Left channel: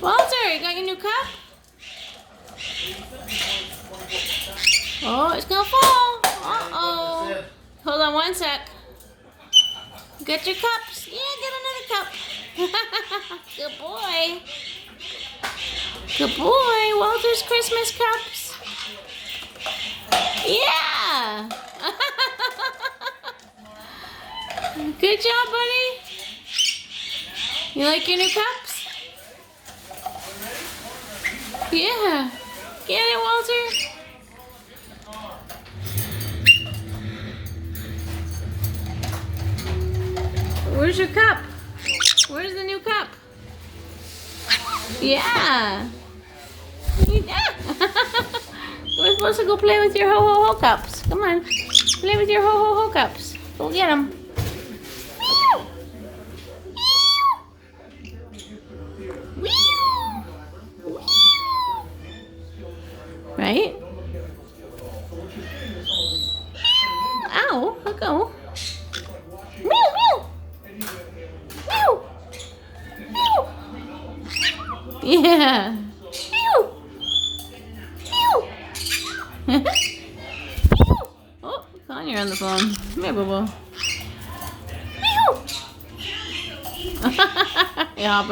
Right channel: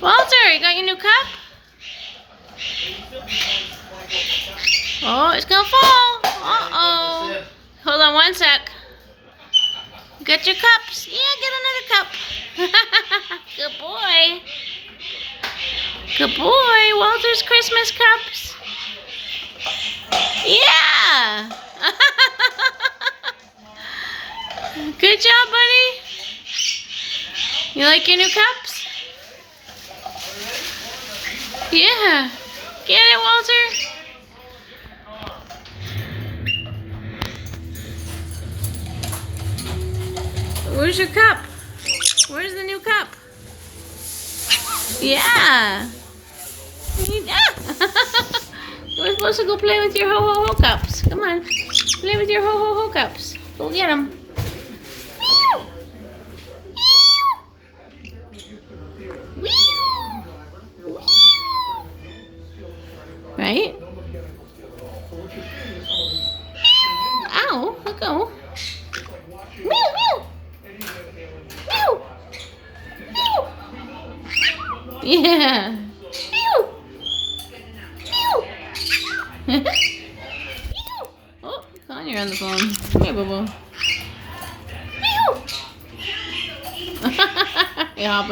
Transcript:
Walter, you got your new cup? Oh, it's gonna fall. Uh-oh. Hold on one sec. Got your cups? Yeah, get another cup. Good boy. Good boy. Walter's Christmas cups. Yeah. Good job, buddy. You like your new cups? Yeah. Get it, Walter. Where's your cup? Where's the new cup? Yeah. We're supposed to go play with your ho-ho-ho cups. Come on. Play with your ho-ho-ho cups. Go get them. Right? Ow, let go. Meow, meow. Meow. Meow. Yeah. Meow. Meow. Oh, Connie, you're on the phone. Come here, Boo-Boo. Meow. Yeah.